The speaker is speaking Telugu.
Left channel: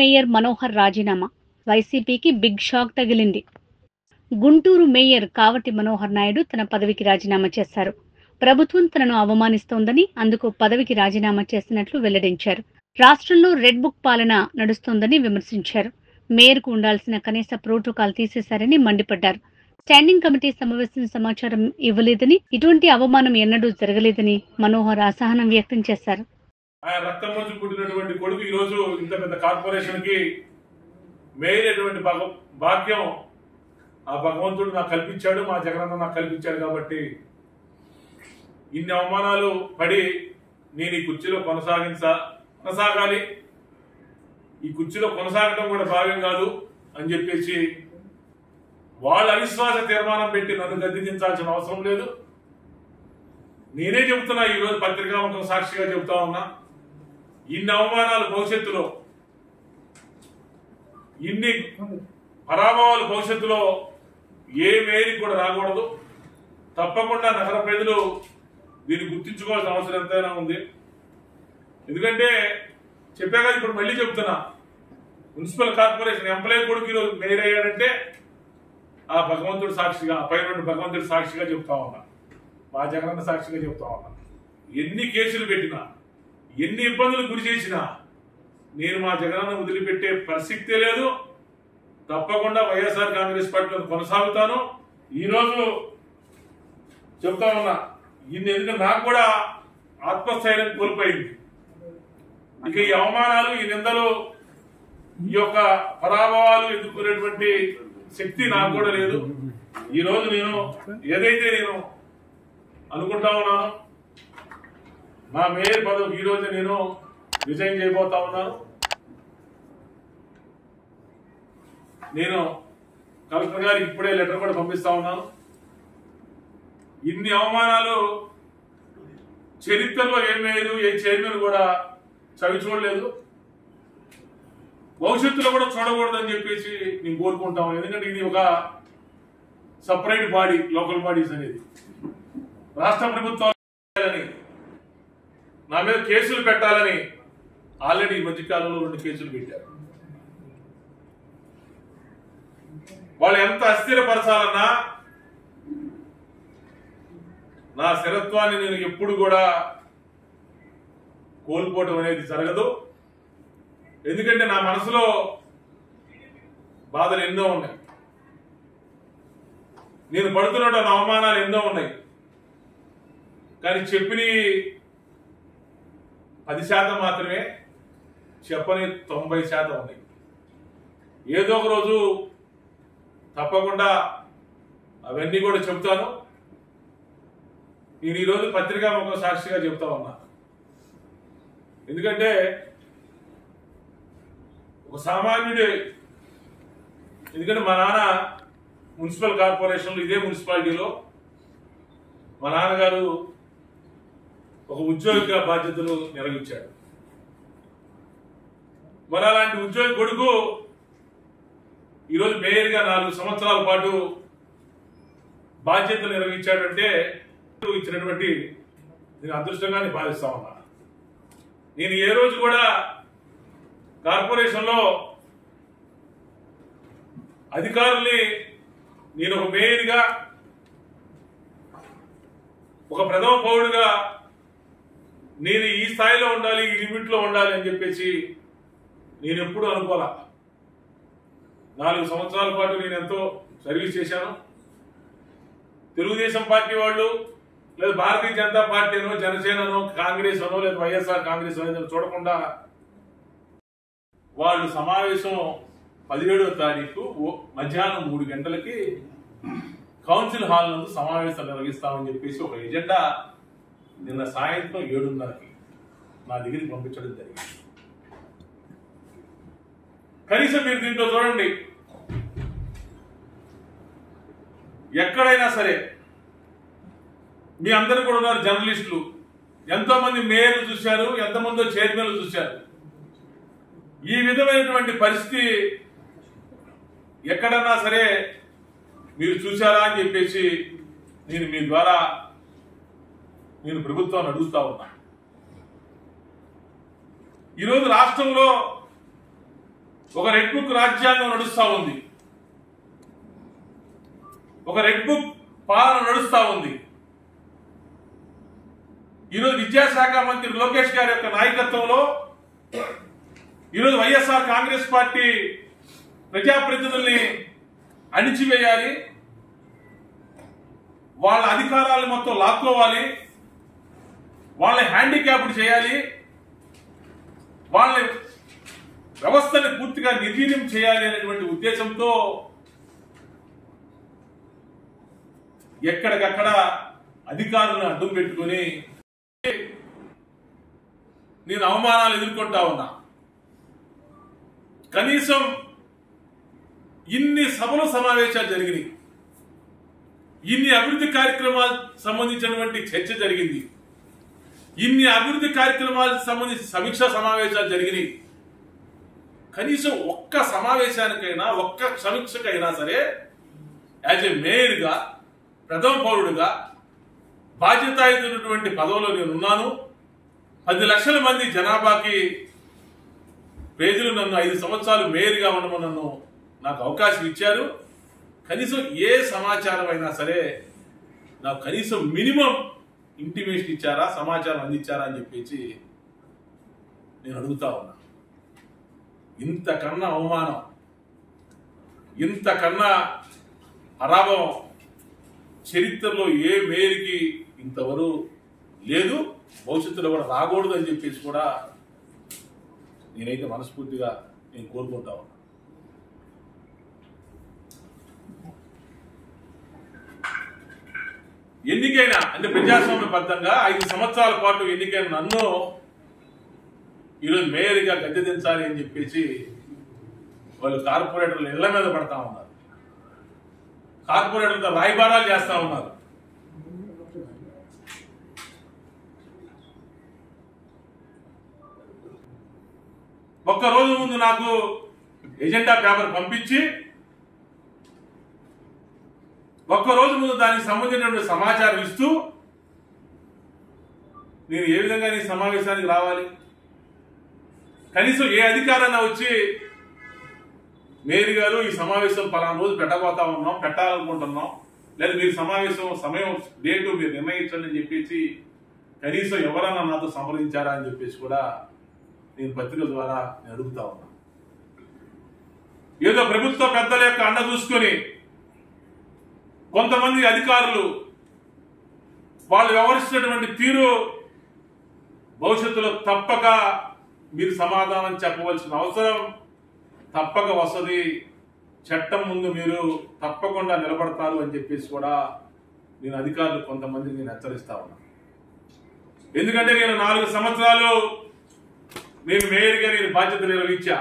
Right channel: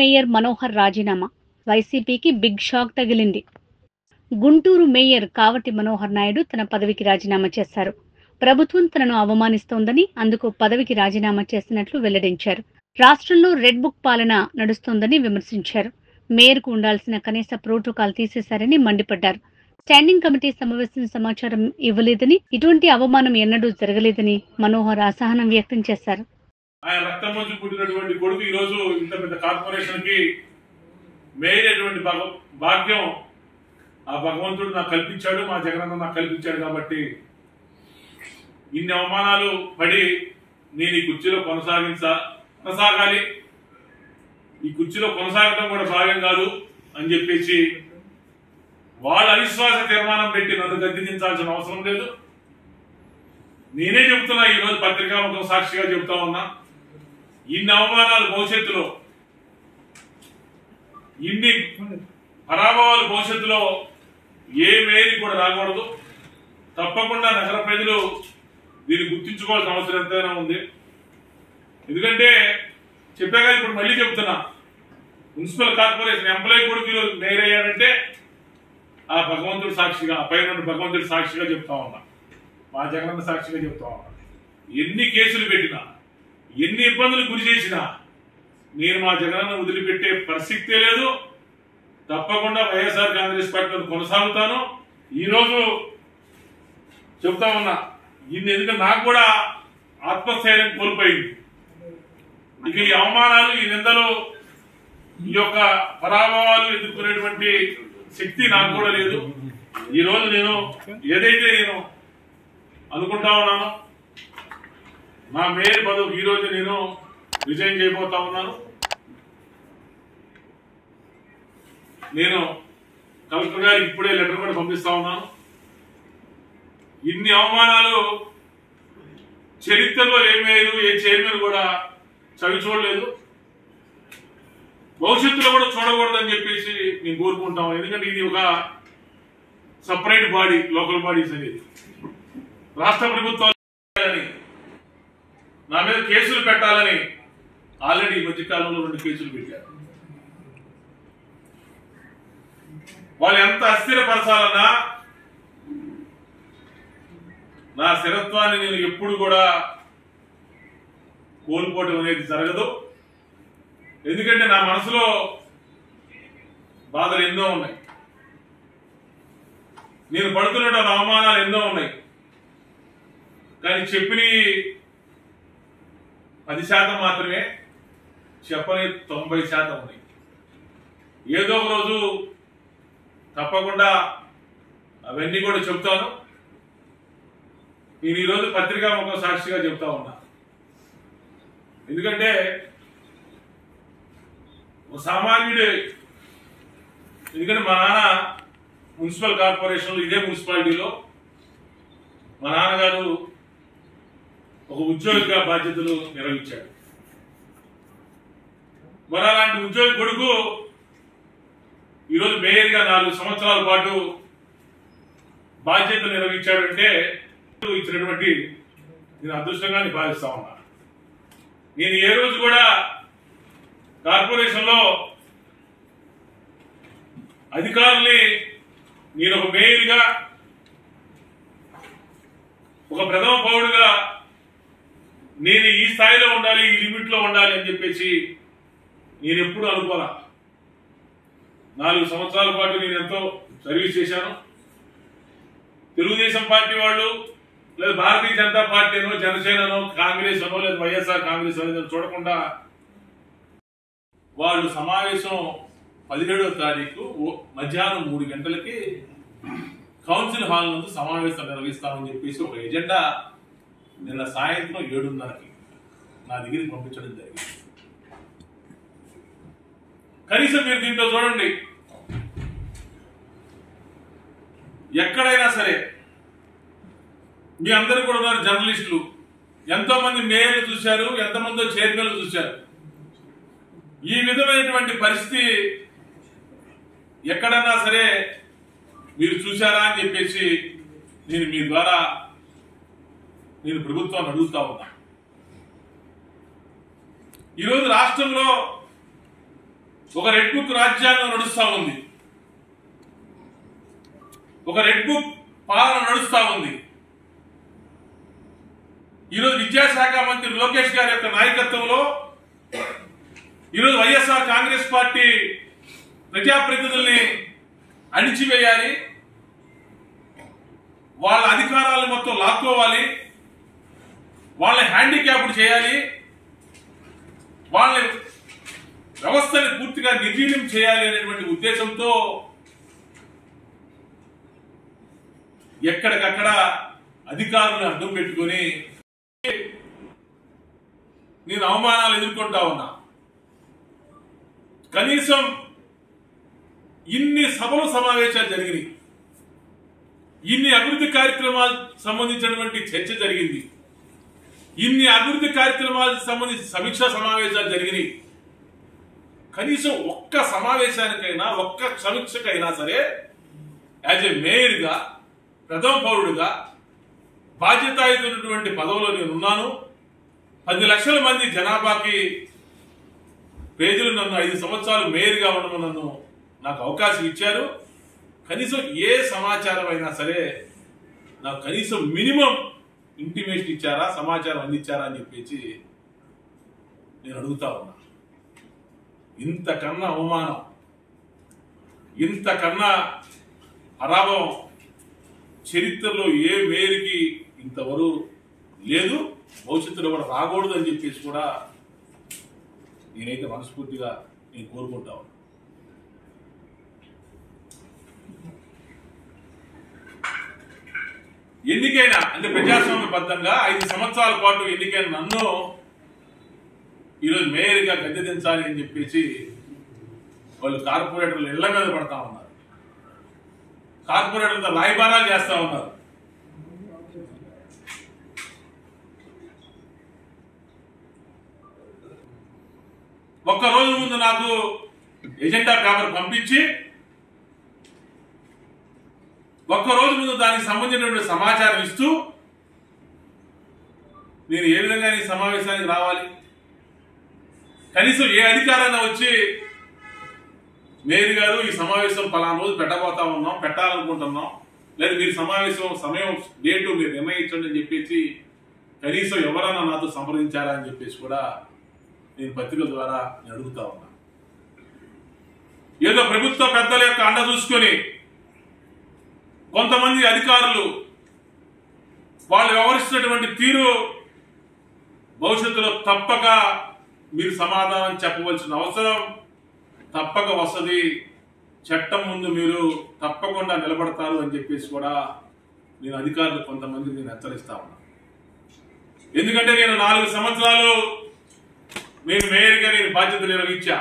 మేయర్ మనోహర్ రాజీనామా. వైసీపీకి బిగ్ షాక్ తగిలింది. గుంటూరు మేయర్ కావటి మనోహర్ నాయుడు తన పదవికి రాజీనామా చేశారు. ప్రభుత్వం తనను అవమానిస్తోందని, అందుకు పదవికి రాజీనామా చేసినట్లు వెల్లడించారు. రాష్ట్రంలో రెడ్ బుక్ పాలన నడుస్తోందని విమర్శించారు. మేయర్కు ఉండాల్సిన కనీస ప్రోటోకాల్ తీసేశారని మండిపడ్డారు. స్టాండింగ్ కమిటీ సమావేశం సమాచారం ఇవ్వలేదని, ఇటువంటి అవమానం ఎన్నడూ జరగలేదని మనోహర్ అసహనం వ్యక్తం చేశారు. ఆయన రక్తం నుంచి పుట్టినటువంటి కొడుకు ఈ రోజు ఇంత పెద్ద కార్పొరేషన్ కి మేయర్ అటువంటి భాగ్యం ఆ భగవంతుడు నాకు కల్పించాడు, మా జగనన్న నాకు కల్పించాడు. కాబట్టి ఇన్ని అవమానాలు పడి నేను ఈ కుర్చీలో కొనసాగాలి, ఈ కుర్చీలో కొనసాగడం కూడా భావ్యం కాదు అని చెప్పేసి వాళ్ళ అవిశ్వాస తీర్మానం పెట్టి నన్ను గద్దెదించాల్సిన అవసరం లేదు. నేనే చెబుతున్నా, ఈరోజు పత్రికాముఖం సాక్షిగా చెబుతా ఉన్నా, ఇన్ని అవమానాలు భవిష్యత్తులో, ఇన్ని పరాభవాలు భవిష్యత్తులో ఏ మేరీ కూడా రాకూడదు. తప్పకుండా నగర ప్రజలు దీన్ని గుర్తించుకోవాల్సిన అవసరం ఎంతైనా ఉంది. ఎందుకంటే చెప్పాక ఇప్పుడు మళ్ళీ చెప్తున్నా, మున్సిపల్ కార్పొరేషన్ ఎంప్లాయీ కొడుకు మేయర్ అయ్యారంటే ఆ భగవంతుడి సాక్షిగా, ఆ పైన భగవంతుడి సాక్షిగా చెప్తా ఉన్నా, మా జగనన్న సాక్షిగా చెప్తా ఉన్నా. ఎన్ని కేసులు పెట్టినా, ఎన్ని ఇబ్బందులు గురి చేసినా నేను మా జగనన్న వదిలిపెట్టే పరిస్థితే లేదు. తప్పకుండా వైఎస్ఆర్ కాంగ్రెస్ పార్టీలో కొనసాగుతాను. ఈరోజు చెప్తా ఉన్నా, ఎందుకంటే నాకు కూడా ఆత్మస్థైర్యం కోల్పోయింది. ఇక ఈ అవమానాలు, ఈ నిందలు, ఈ యొక్క పరాభవాలు ఎదుర్కొనేటువంటి శక్తి నాకు కూడా లేదు. ఈరోజు నేను ఏదైతే నేను అనుకుంటా ఉన్నానో, నా మేయర్ పదవికి ఈరోజు నేను రిజైన్ చేయబోతా ఉన్నాను. నేను కలెక్టర్ గారికి ఇప్పుడే లెటర్ కూడా పంపిస్తా ఉన్నాను. ఇన్ని అవమానాలు చరిత్రలో ఏ మేయరు, ఏ చైర్మన్ కూడా చవి చూడలేదు, భవిష్యత్తులో కూడా చూడకూడదని చెప్పేసి నేను కోరుకుంటాం. ఎందుకంటే ఇది ఒక సపరేట్ బాడీ, లోకల్ బాడీస్ అనేది. రాష్ట్ర ప్రభుత్వాలు నా మీద కేసులు పెట్టాలని ఆల్రెడీ ఈ మధ్యకాలంలో 2 కేసులు పెట్టారు. వాళ్ళు ఎంత అస్థిరపరచాలన్నా నా స్థిరత్వాన్ని నేను ఎప్పుడు కూడా కోల్పోవడం అనేది జరగదు. ఎందుకంటే నా మనసులో బాధలు ఎన్నో ఉన్నాయి, నేను పడుతున్న అవమానాలు ఎన్నో ఉన్నాయి. కానీ చెప్పిన 10% మాత్రమే, చెప్పని 90% ఉన్నాయి. ఏదో ఒక రోజు తప్పకుండా అవన్నీ కూడా చెప్తాను. నేను ఈరోజు పత్రికాముఖం సాక్షిగా చెప్తా ఉన్నా. ఎందుకంటే ఒక సామాన్యుడే, ఎందుకంటే మా నాన్న మున్సిపల్ కార్పొరేషన్లో, ఇదే మున్సిపాలిటీలో మా నాన్నగారు ఒక ఉద్యోగిగా బాధ్యతలు నిర్వహించాడు. మరి అలాంటి ఉద్యోగి కొడుకు ఈరోజు మేయర్గా 4 సంవత్సరాల పాటు బాధ్యతలు నిర్వహించాడంటే ఇచ్చినటువంటి నేను అదృష్టంగా భావిస్తా ఉన్నా. నేను ఏ రోజు కూడా కార్పొరేషన్లో అధికారుల్ని నేను ఒక మేయర్గా, ఒక ప్రథమ పౌరుడిగా నేను ఈ స్థాయిలో ఉండాలి, ఈ లిమిట్లో ఉండాలి అని చెప్పేసి నేను ఎప్పుడు అనుకోవాలా. 4 సంవత్సరాల పాటు నేను ఎంతో సర్వీస్ చేశాను. తెలుగుదేశం పార్టీ వాళ్ళు, లేదా భారతీయ జనతా పార్టీ అనో, జనసేననో, కాంగ్రెస్ అనో, లేదా వైఎస్ఆర్ కాంగ్రెస్ అనేది చూడకుండా వాళ్ళు సమావేశం 17వ తారీఖు మధ్యాహ్నం 3 గంటలకి కౌన్సిల్ హాల్ నందు సమావేశం నిర్వహిస్తామని చెప్పేసి ఒక ఎజెండా నిన్న సాయంత్రం 7:30కి నా దగ్గరికి పంపించడం జరిగింది. కనీసం మీరు దీంట్లో చూడండి, ఎక్కడైనా సరే మీ అందరూ కూడా ఉన్నారు జర్నలిస్టులు, ఎంతో మంది మేయర్లు చూశారు, ఎంతమందో చైర్మన్లు చూశారు. ఈ విధమైనటువంటి పరిస్థితి ఎక్కడన్నా సరే మీరు చూశారా అని చెప్పేసి నేను మీ ద్వారా నేను ప్రభుత్వాన్ని అడుగుతా ఉన్నా. ఈరోజు రాష్ట్రంలో ఒక రెడ్ బుక్ రాజ్యాంగం నడుస్తా ఉంది, ఒక రెడ్ బుక్ పాలన నడుస్తా ఉంది. ఈరోజు విద్యాశాఖ మంత్రి లోకేష్ గారి యొక్క నాయకత్వంలో ఈరోజు వైఎస్ఆర్ కాంగ్రెస్ పార్టీ ప్రజాప్రతినిధుల్ని అణిచివేయాలి, వాళ్ళ అధికారాలను మొత్తం లాక్కోవాలి, వాళ్ళని హ్యాండిక్యాప్డ్ చేయాలి, వాళ్ళ వ్యవస్థని పూర్తిగా నిర్వీర్యం చేయాలి అనేటువంటి ఉద్దేశంతో ఎక్కడికక్కడ అధికారులను అడ్డం పెట్టుకుని నేను అవమానాలు ఎదుర్కొంటా ఉన్నా. కనీసం ఇన్ని సభలు సమావేశాలు జరిగినాయి, ఇన్ని అభివృద్ధి కార్యక్రమాలు సంబంధించినటువంటి చర్చ జరిగింది, ఇన్ని అభివృద్ధి కార్యక్రమాలకు సంబంధించి సమీక్షా సమావేశాలు జరిగినాయి. కనీసం ఒక్క సమావేశానికైనా ఒక్క సమీక్షకైనా సరే యాజ్ ఏ మేయర్గా, ప్రథమ పౌరుడుగా బాధ్యతాయుతమైనటువంటి పదవిలో నేనున్నాను. 10 లక్షల మంది జనాభాకి ప్రజలు నన్ను 5 సంవత్సరాలు మేయర్గా ఉండమని నాకు అవకాశం ఇచ్చారు. కనీసం ఏ సమాచారం అయినా సరే నాకు కనీసం మినిమం ఇంటిమేషన్ ఇచ్చారా, సమాచారం అందించారా అని చెప్పేసి నేను అడుగుతా ఉన్నా. ఇంతకన్నా అవమానం, ఇంతకన్నా అరాభం చరిత్రలో ఏ మేయర్కి ఇంతవరకు లేదు, భవిష్యత్తులో కూడా రాకూడదు అని చెప్పేసి కూడా నేనైతే మనస్ఫూర్తిగా నేను కోరుకుంటా ఉన్నా. ఎన్నికైనా అంటే ప్రజాస్వామ్యబద్ధంగా 5 సంవత్సరాల పాటు ఎన్నికైన నన్ను ఈరోజు మేయర్గా గద్దె దించాలి అని చెప్పేసి వాళ్ళు కార్పొరేటర్లు ఇళ్ల మీద పడతా ఉన్నారు, కార్పొరేటర్లతో రాయబారాలు చేస్తా ఉన్నారు. ఒక్కరోజు ముందు నాకు ఎజెండా పేపర్ పంపించి ఒక్కరోజు ముందు దానికి సంబంధించినటువంటి సమాచారం ఇస్తూ నేను ఏ విధంగా ఈ సమావేశానికి రావాలి, కనీసం ఏ అధికారైనా వచ్చి మేయర్ గారు ఈ సమావేశం పలానా రోజు పెట్టబోతా ఉన్నాం, పెట్టాలనుకుంటున్నాం, లేదా మీరు సమావేశం సమయం డేటు మీరు నిర్ణయించండి అని చెప్పేసి కనీసం ఎవరన్నా నాతో సంప్రదించారా అని చెప్పేసి కూడా నేను పత్రికల ద్వారా నేను అడుగుతా ఉన్నా. ఏదో ప్రభుత్వ పెద్దల యొక్క అండ చూసుకొని కొంతమంది అధికారులు వాళ్ళు వ్యవహరిస్తున్నటువంటి తీరు భవిష్యత్తులో తప్పక మీరు సమాధానం చెప్పవలసిన అవసరం తప్పక వస్తుంది, చట్టం ముందు మీరు తప్పకుండా నిలబడతారు అని చెప్పేసి కూడా నేను అధికారులు కొంతమందికి నేను హెచ్చరిస్తా ఉన్నా. ఎందుకంటే నేను 4 సంవత్సరాలు నేను మేయర్గా నేను బాధ్యత నిర్వహించా.